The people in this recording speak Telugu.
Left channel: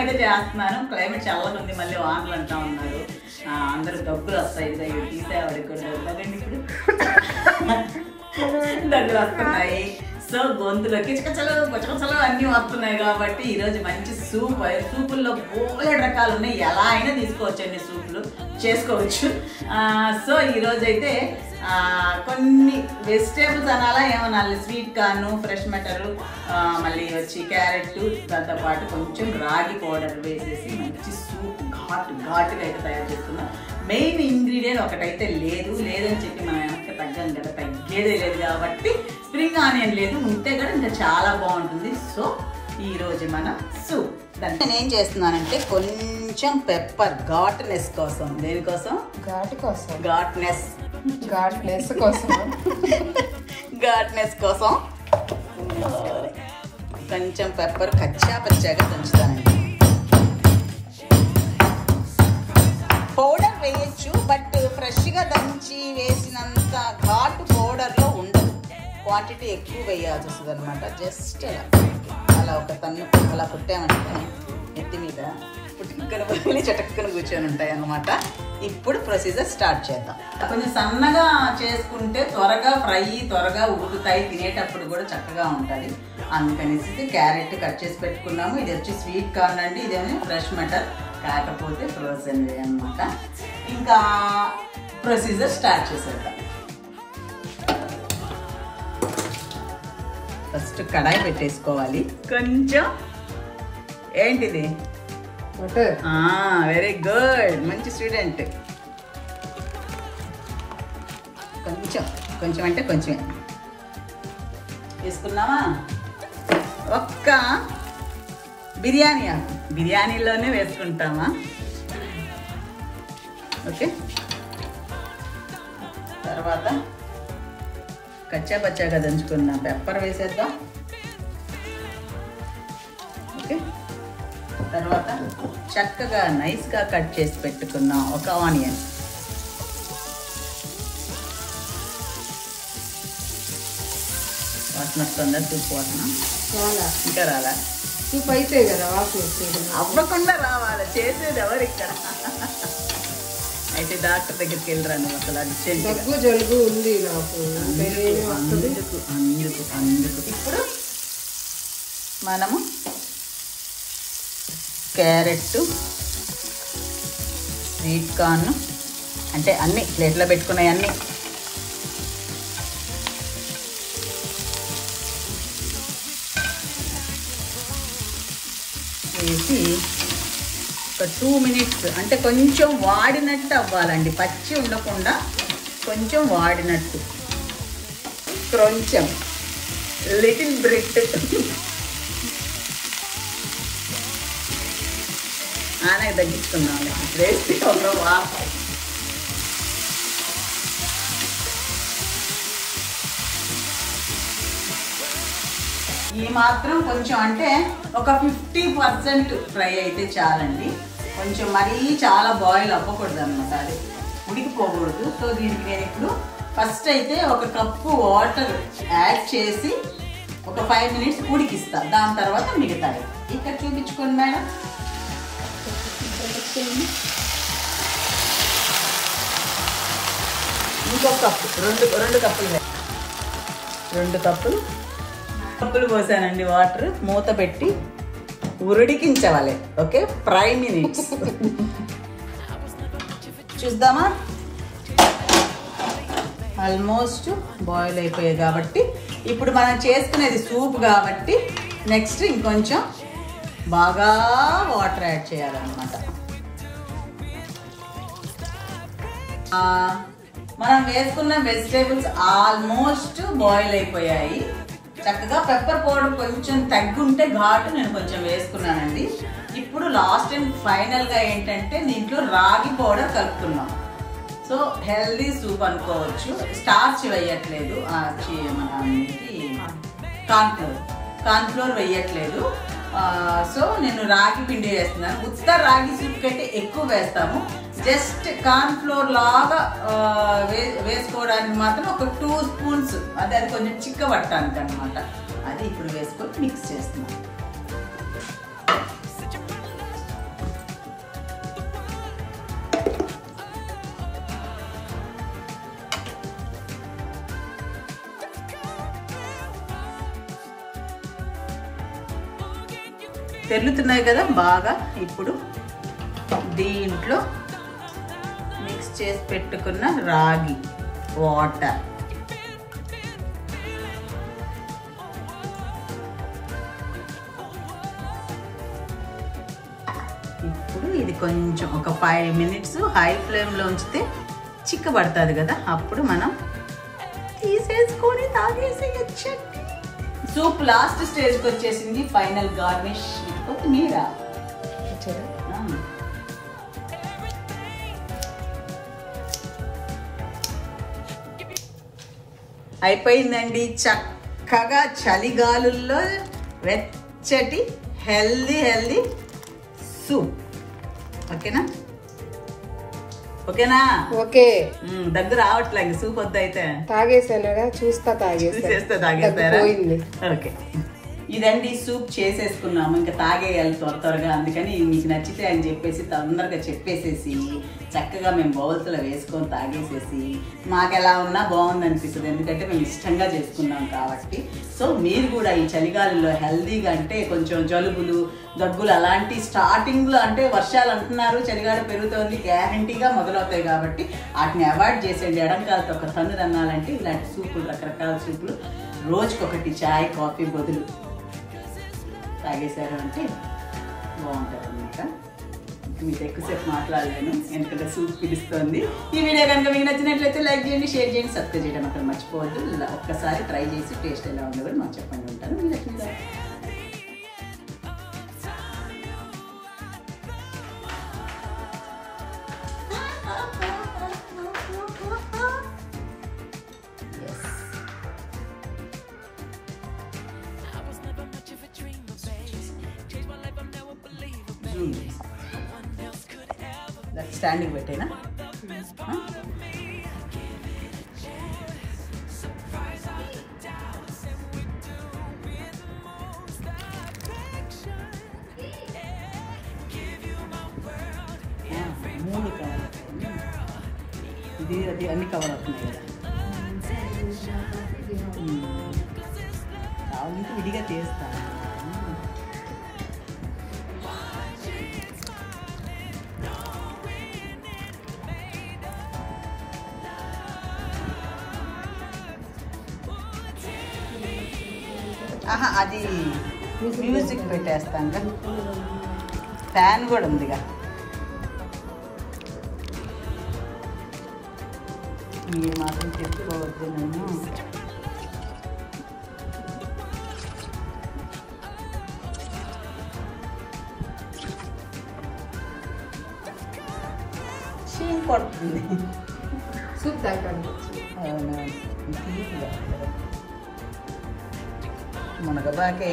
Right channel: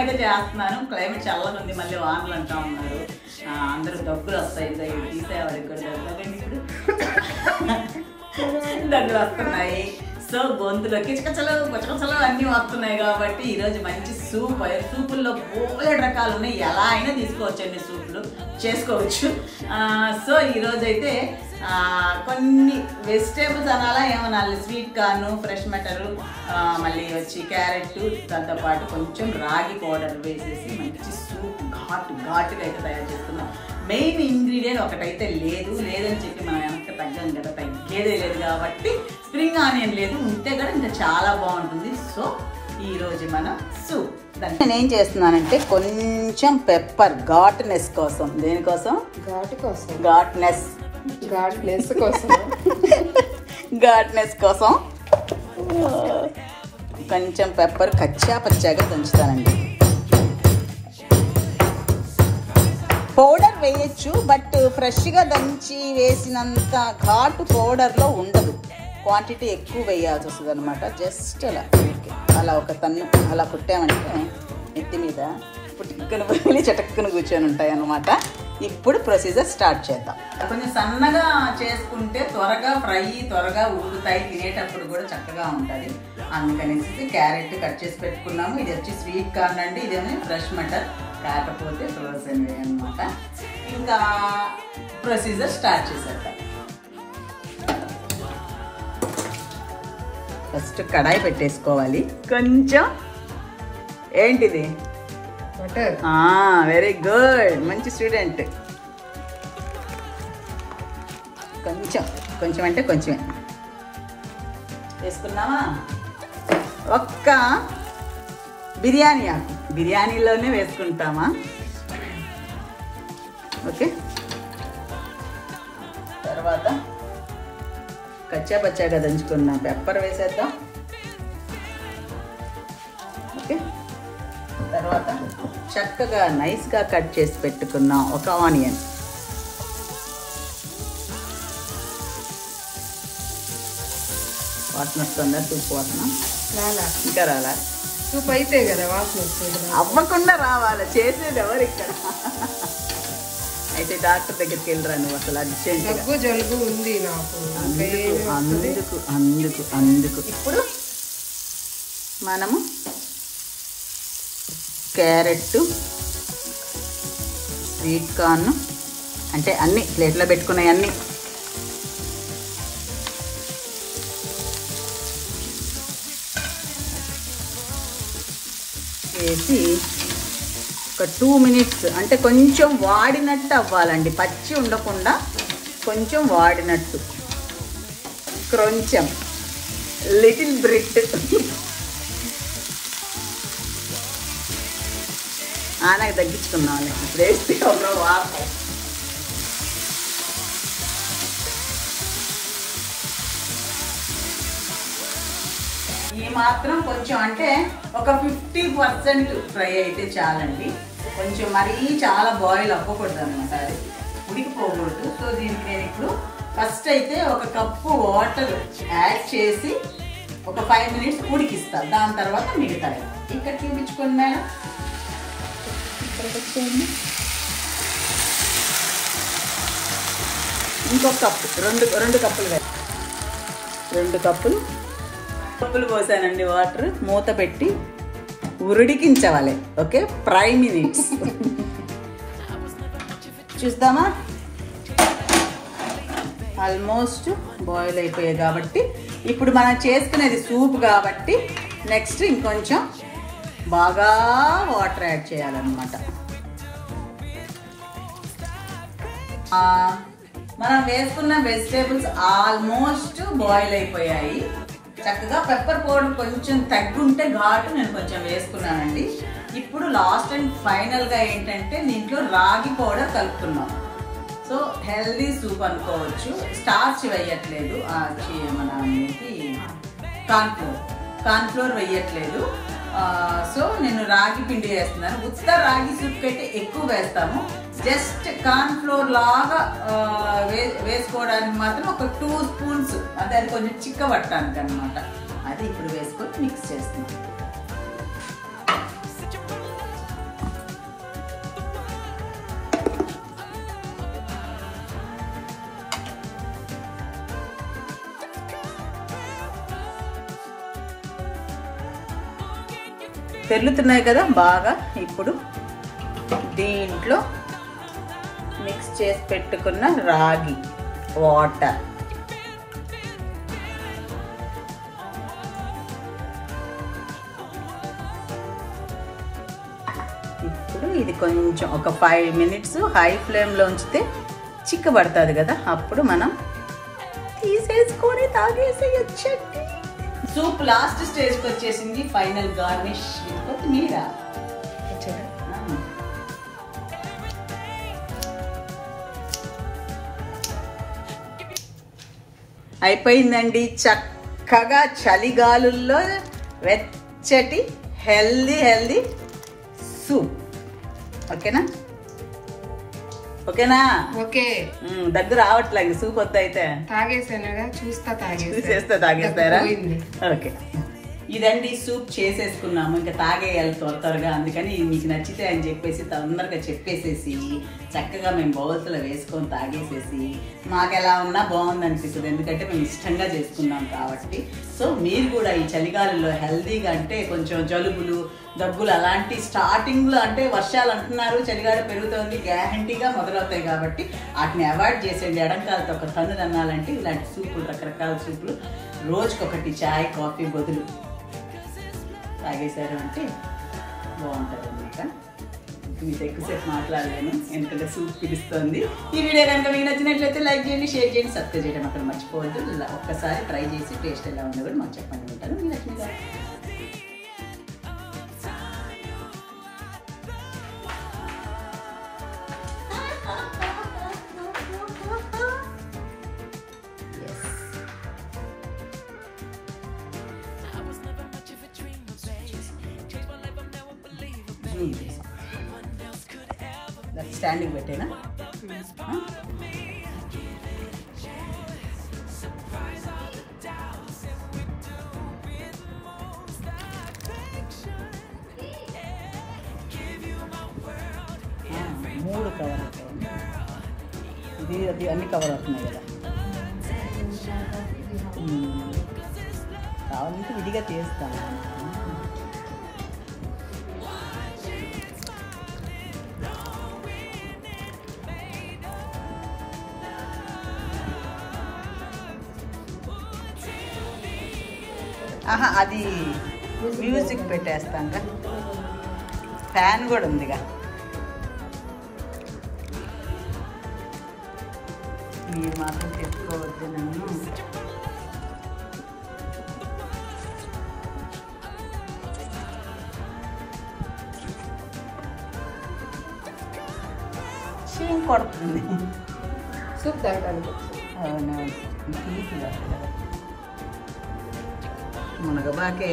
అయితే చేస్తున్నాను. క్లైమేట్ చల్లగా ఉంది, మళ్ళీ వానలు అంటా ఉన్నారు. అందరూ దగ్గులు వస్తాయి. ఇది తీసేవాడికి కూడా దగ్గండి. ఇప్పుడు దగ్గులు వస్తున్నాయి. సో గొంతులోకి చికచలు కొచ్చకచలు అన్నీ వస్తున్నాయి కాబట్టి ఈరోజు మంచి సూప్. సూపుల్లో బోలెడు రకాలు ఉన్నాయి, ఎలా అయినా తీసుకోవచ్చు, అన్ని సూపులు చేసుకోవచ్చు. సో ఈరోజు అయితే కొన్ని వెజిటేబుల్స్ అనాలా ఏమనాలి, స్వీట్ కార్న్, ఫ్రెష్ మెటరు, మళ్ళీ వచ్చి క్యారెట్, దాంతోపాటు కొంచెం రాగి పౌడర్ వేసేసి మంచి సూప్ ఘాటుగా అయితే తయారు చేసుకున్నాం. మెయిన్ ఇంగ్రీడియంట్ ఒకటైతే లేదని చెప్పి మనం వెనక్కి తగ్గం కదా, తగ్గేదే లేదు కాబట్టి స్ప్రింగ్ ఆనియన్ లేదు, ఉంటే కూడా ఇంకా చాలా బాగుంటుంది. సో ఈరోజు మన సూప్ దాన్ని నేను ఏం చేస్తున్నానంటే కొంచెం పెప్పర్ ఘాట్నెస్ కోసం. దేనికోసం? ఘాట్నెస్ కోసం కొంచెం పెప్పర్ పచ్చాగా దంచుతానండి. పౌడర్ వేయచ్చు, బట్ ఫ్రెష్గా దంచి వేసినంత ఘాటు పౌడర్లో ఉండదు. క్వాంటిటీ ఎక్కువ వేయాల్సి వస్తుంది అనమాట. జస్ట్ అలా ఒక తన్ను అలా పుట్టామంటే నెత్తి మీద పుట్టుకుని చటక్కుని కూర్చొని ఉంటాయి అన్నమాట. ఇప్పుడు ప్రొసీజర్ స్టార్ట్ చేద్దాం. కొంచెం సన్నగా చేసుకుంటే త్వరగా ఉడుకుతాయి, తినేటప్పుడు కూడా చక్కగా ఉంటుంది. అందుకనేసి క్యారెట్ కట్ చేసి పెట్టుకున్నాము. ఇది వచ్చి స్వీట్ కార్న్ అండి, ఇదేమో ఫ్రెష్ మటర్, కాకపోతే ఫ్రోజన్ వే అనమాట. ఇంకా ప్రొసీజర్ స్టార్ట్ చేసేద్దాం. ఫస్ట్ కడాయి పెట్టేసుకోవాలి. కొంచెం ఏంటిది? వెరీ గుడ్, మంచి స్టూడెంట్. కొంచెం అంటే కొంచెం వేసుకున్నావా? ఒక్క బిర్యానీ ఆకు, బిర్యానీలోనే వేసుకుంటామా? ఓకే. తర్వాత పచ్చాగా దంచుకున్న పెప్పర్ వేసేద్దాం. ఓకే. తర్వాత చక్కగా నైస్గా కట్ చేసి పెట్టుకున్న ఒక ఆనియన్, వాసన వస్తుందా? సూప్ వాసన ఇంకా రాలా? సూప్ అయితే కదా వాసన అవ్వకుండా రావాలి, చేసేది ఎవరు ఇక్కడ? అయితే డాక్టర్ దగ్గరికి వెళ్ళరా నువ్వు? అసలు దగ్గు జలుబు ఉంది నాకు. అందుకు ఇప్పుడు మనము క్యారెట్, స్వీట్ కార్న్, అంటే అన్ని ప్లేట్లో పెట్టుకున్నాయి అన్నీ వేసి ఒక 2 minutes, అంటే కొంచెం వాడినట్టు అవ్వాలండి, పచ్చి ఉండకుండా కొంచెం వాడినట్టు, కొంచెం లిటిల్ బ్రిట్ ఆనకి తగ్గించుకున్నాం. వేసి ఒక వాటర్ ఈ మాత్రం కొంచెం, అంటే ఒక 50% ఫ్రై అయితే చాలండి. కొంచెం మరీ చాలా బాయిల్ అవ్వకూడదు అనమాట, అది ఉడికిపోకూడదు. సో దీనికి నేను ఇప్పుడు ఫస్ట్ అయితే ఒక కప్పు వాటర్ యాడ్ చేసి ఒక 5 minutes ఉడికిస్తాను. దాని తర్వాత మిగతాయి ఇక్కడ చూపించుకోండి మేడం. ఇంకో కప్పు, రెండు కప్పులు పోసానండి వాటర్. మూత పెట్టి ఉడికించాలి. ఓకే, 5 minutes చూద్దామా? ఆల్మోస్ట్ బాయిల్ అయిపోయాయి కాబట్టి ఇప్పుడు మనం చేసుకునేది సూప్ కాబట్టి నెక్స్ట్ ఇంకొంచెం బాగా వాటర్ యాడ్ చేయాలన్నమాట. మనం వేసుకున్న వెజిటేబుల్స్ ఆల్మోస్ట్ బాయిల్ అయిపోయాయి. చక్కగా పెప్పర్ పౌడర్ కొంచెం తగ్గుంటే ఘాటు నేను కొంచెం వేసుకున్నానండి. ఇప్పుడు లాస్ట్ అండ్ ఫైనల్గా ఏంటంటే దీంట్లో రాగి పౌడర్ కలుపుతున్నాం. సో హెల్దీ సూప్ అనుకోవచ్చు. స్టార్చ్ వేయట్లేదు, మన కార్న్ఫ్లోర్ వేయట్లేదు. సో నేను రాగి పిండి వేస్తున్నాను. ఉత్త రాగి సూప్ కంటే ఎక్కువ వేస్తాము. జస్ట్ కార్న్ఫ్లోర్ లాగా వేసుకోవడానికి మాత్రం ఒక 2 spoons, అది కొంచెం చిక్కబట్టడానికి అనమాట. అది ఇప్పుడు వేసుకొని మిక్స్ చేస్తున్నాం. తెరులుతున్నాయి కదా బాగా. ఇప్పుడు దీంట్లో మిక్స్ చేసి పెట్టుకున్న రాగి వాటర్, ఇప్పుడు ఇది కొంచెం ఒక 5 minutes హై ఫ్లేమ్లో ఉంచితే చిక్కబడుతుంది కదా, అప్పుడు మనం తీసేసుకొని తాగేసేయచ్చండి. సూప్ లాస్ట్ స్టేజ్కి వచ్చేసింది. ఫైనల్ గార్నిష్ విత్ కొత్తిమీర. అయిపోయిందండి. చక్కగా చలిగాలుల్లో వెచ్చటి హెల్దీ సూప్. ఓకేనా? ఓకేనా? ఓకే. దగ్గర రావట్లేదు సూప్ వద్ద అయితే తాగేసానగా చూస్తా తాగేస్తారా? ఓకే, ఇదండి సూప్ చేసేసుకున్నాము. ఇంకా తాగేయాలి త్వరగా. అందుకని మీకు నచ్చితే అని చెప్పేసి తొందరగా చెప్పేసేసి చక్కగా మేము బౌల్స్లో వేసుకొని తాగేసేసి మాకు ఎలా ఉన్నా బాగుంది అనిపిస్తుంది. ఎందుకంటే మేము ఇష్టంగా చేసుకున్నాం కాబట్టి. సో మీరు కూడా ఈ చలిగాలుల్లో హెల్దీగా, అంటే కొంచెం జలుబులు దగ్గులు అలాంటి స్టార్టింగ్లో, అంటే వర్షాలు అంటున్నారు, చలిగాడ పెరుగుతోంది, గ్యారంటీగా మొదలవుతాయి కాబట్టి వాటిని అవాయిడ్ చేసేయండి. ఎడంకాలతో ఒక తన్ను తినాలంటే ఇలాంటి సూపులు, రకరకాల సూపులు రోజుకొకటి చాయ్ కాఫీ బదులు తాగేశారు అంటే బాగుంటుంది అన్నమాట. మీతో ఎక్కువసేపు మాట్లాడలేను, ఎందుకంటే సూప్ పిలుస్తుంది. ఈ వీడియో కనుక మీకు నచ్చినట్లయితే లైక్ చేయండి, షేర్ చేయండి, సబ్స్క్రైబ్ చేయడం అక్కడ మర్చిపోవద్దు. ఒక్కసారి ట్రై చేసి టేస్ట్ ఎలా ఉందో కూడా మాకు చెప్పండి. ఉంటాను లక్ష్మి గారు. స్టాండింగ్ పెట్టేనా? మూడు కవర్ ఇది అది అన్ని కవర్ అవుతున్నాయి కదా. కావాలంటే విడిగా తీస్తాను. అది మ్యూజిక్ పెట్టేస్తాం కదా, ఫ్యాన్ కూడా ఉందిగా. మీరు మాత్రం తెచ్చుకోవద్దు నన్ను. చీమ్ కొడుతుంది సూప్ తాగడానికి. అవును, మునగబాకే.